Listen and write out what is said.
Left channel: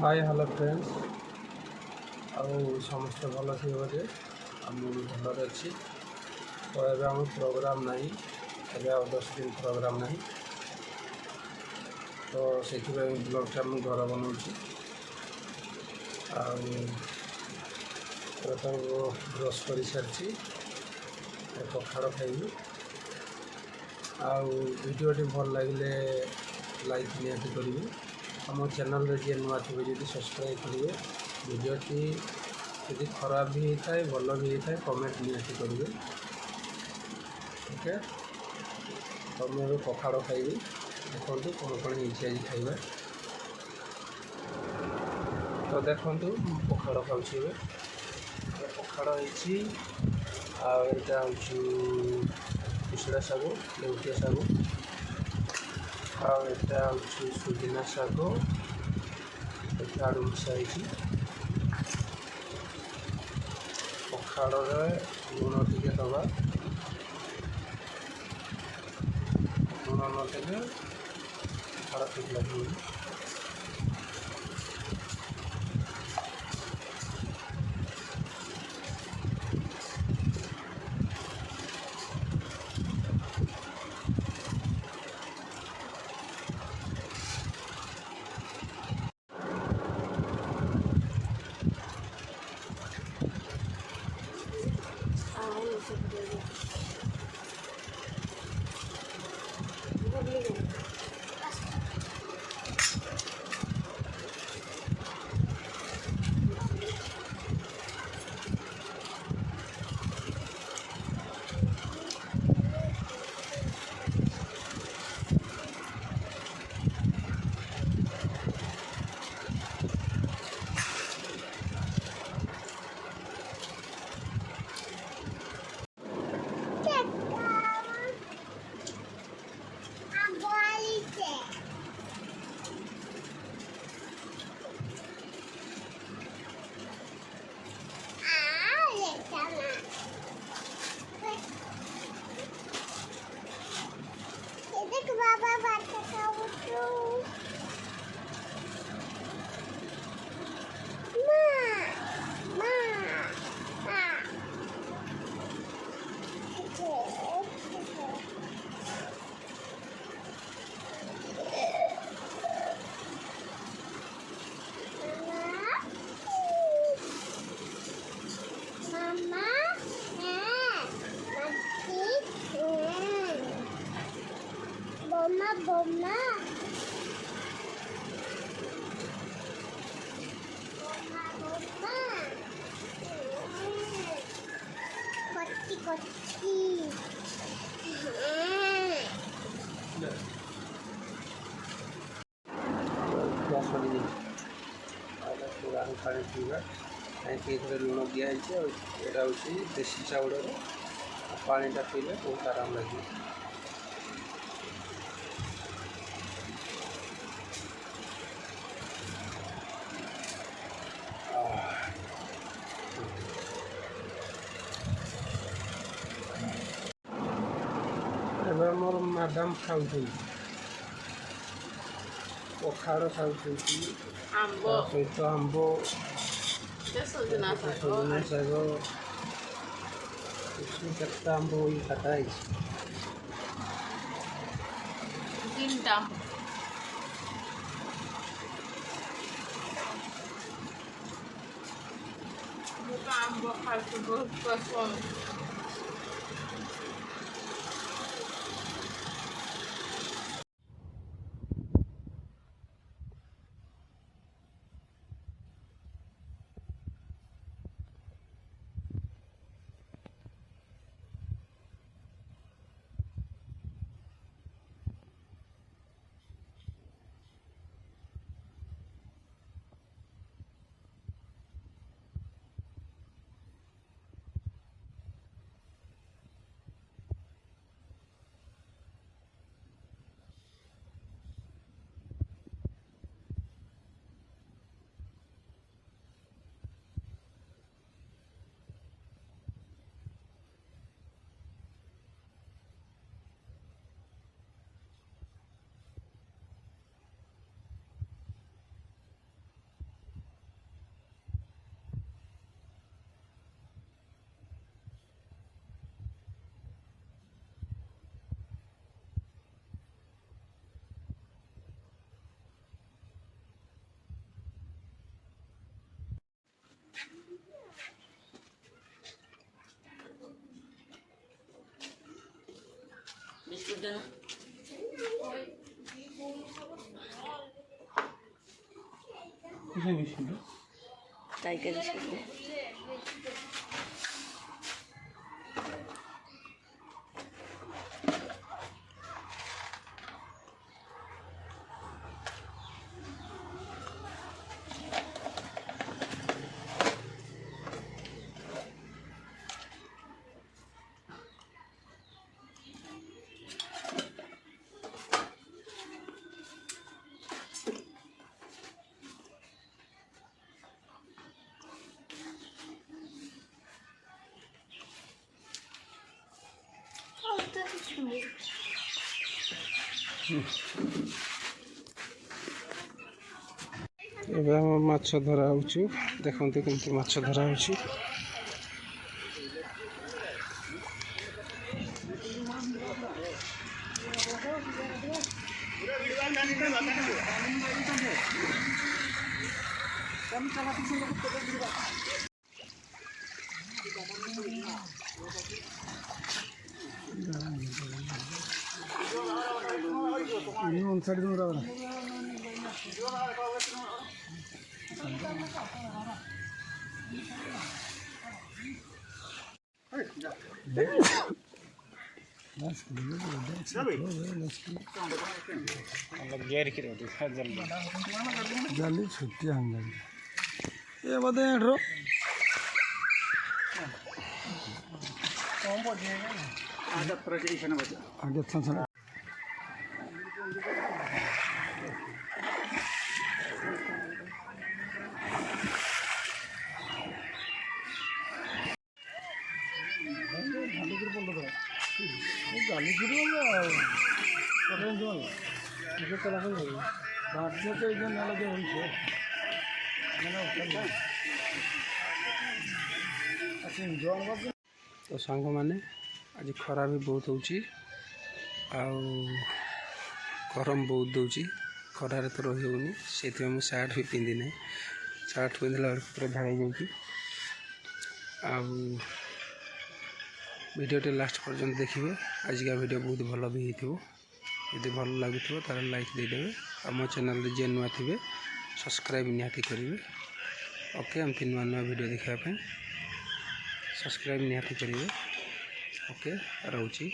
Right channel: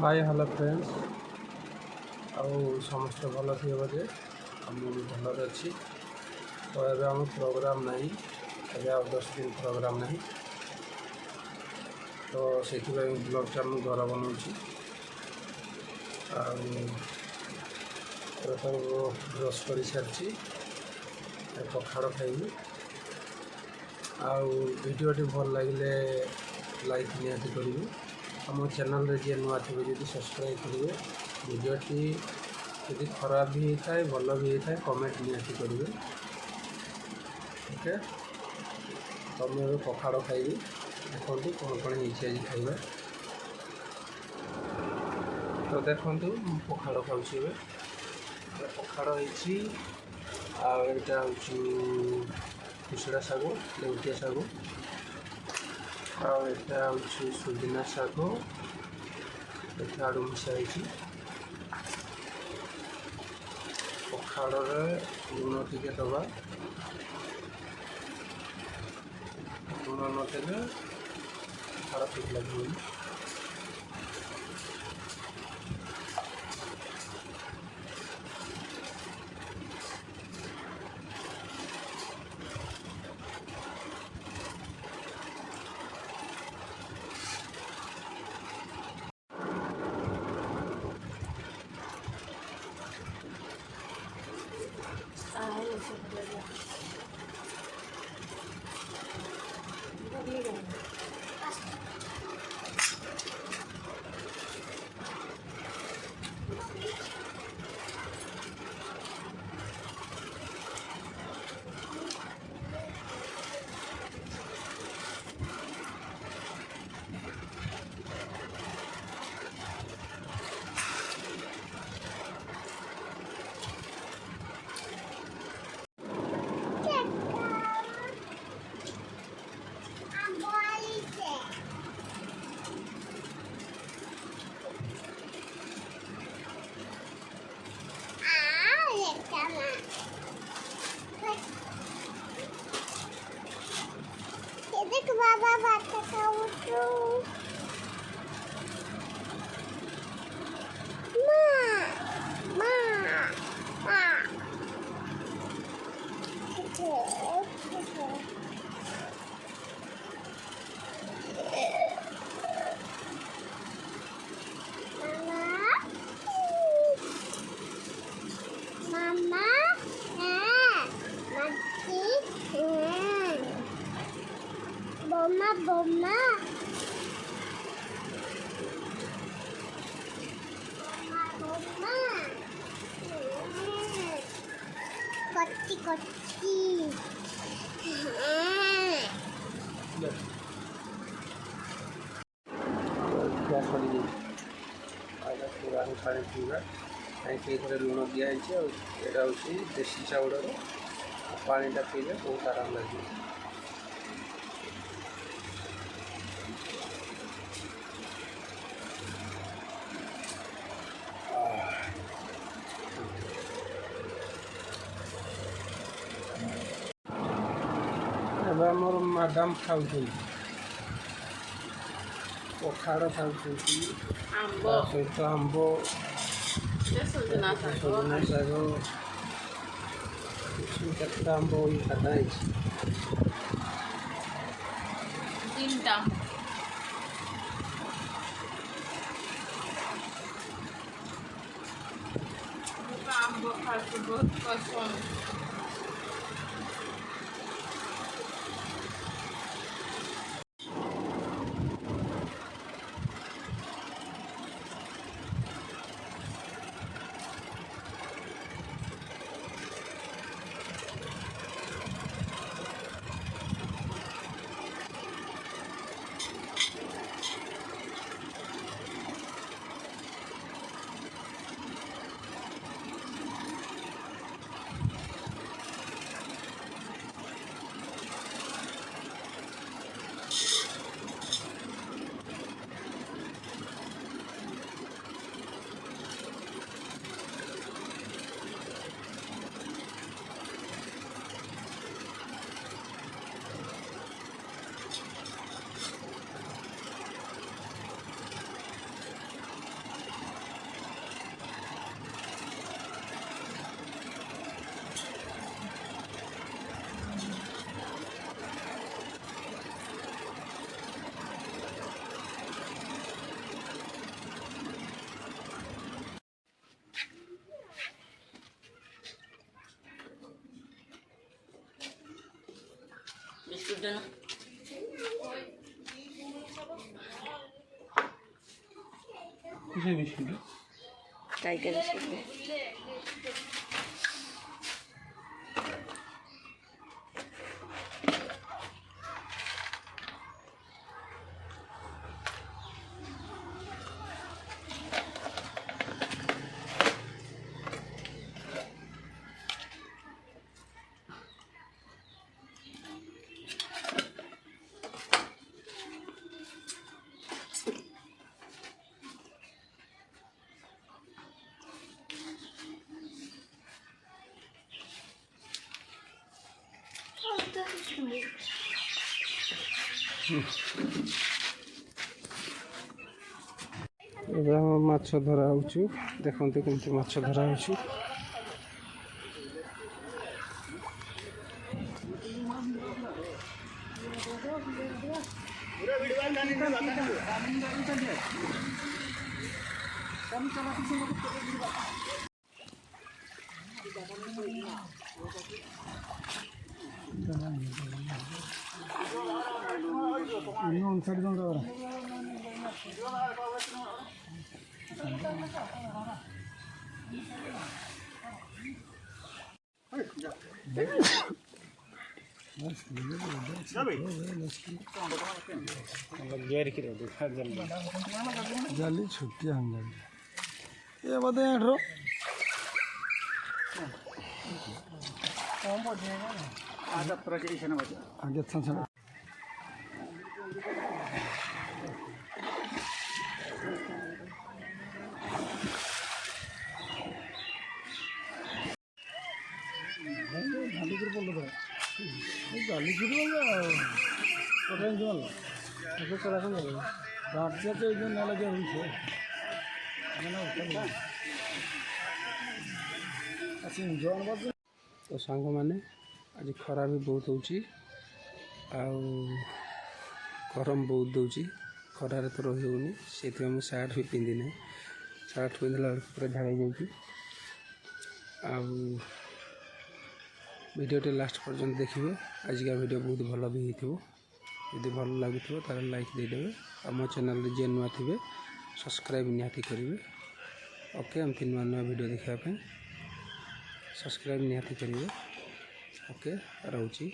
Hi hello friends समस्ते भल थी बोधे मुझे भल अच्छी तो ये आम प्रोग्राम ना ए 10 दिन प्रोग्राम ना तो से ब्लॉगटा मुझे घर बनाऊँ प्रथम ब्रश कर सारी पखाड़ खाइबी वीडियोटी भल लगे लाइक निहाती करेंगे आम चैनल जी नुआ थे जी सब्सक्राइब करेंगे वीडियोटी यदि खराब भी होता है भल भी होता है कमेंट निहाती करेंगे ओके तो मुझे पखाड़ खाइबी देखो कौन कौन आज खाइबा तो देखो पखाड़ खाऊँ पखाड़ होटा हूँ कुसड़ा शाग लेउटिया शाग आटा हूँ सुजना शाग आड़ू मिसाई पखाड़ लुण टे दबा लुण नदेले पखाड़ ठीक लगे बाबा बात खाऊं Bomba kotti kotti पानी पीवा कहीं लुण दिखाई यहाँ हूँ देसी चाउल पानीटा पीले बहुत आराम लगे मोर मैडम खाऊ पखाड़ खाऊ सहित आंब सजना शाग केता आंब खाता है 3टा आंब खाते बहुत पसंद किसे बिस्कुट टाइगर बिस्कुट ଏବେ ଆମେ ମାଛ ଧରା ହେଉଛୁ। ଦେଖନ୍ତୁ କେମିତି ମାଛ ଧରା ହେଉଛି। जाली छुट्टिया हम ये बदे हेड्रो आगे अच्छा तो सांग मैंने आज खरा भी बहुत होची गरम बहुत दूची खरार तो रही होनी से सार्ट भी पिंधि ना सार्ट पिंधला पूरा झाड़ी जाऊँगी वीडियोटे लास्ट पर्यंत देखिए। आजिका वीडियो बहुत भल भी हो यदि भल लगुव तार लाइक देदेवे आम चैनल जे नुआ थे सब्सक्राइब निहाती करेंगे। ओके एमती नुआ नुआ वीडियो देखापी सब्सक्राइब निहाती करेंगे। ओके रोची।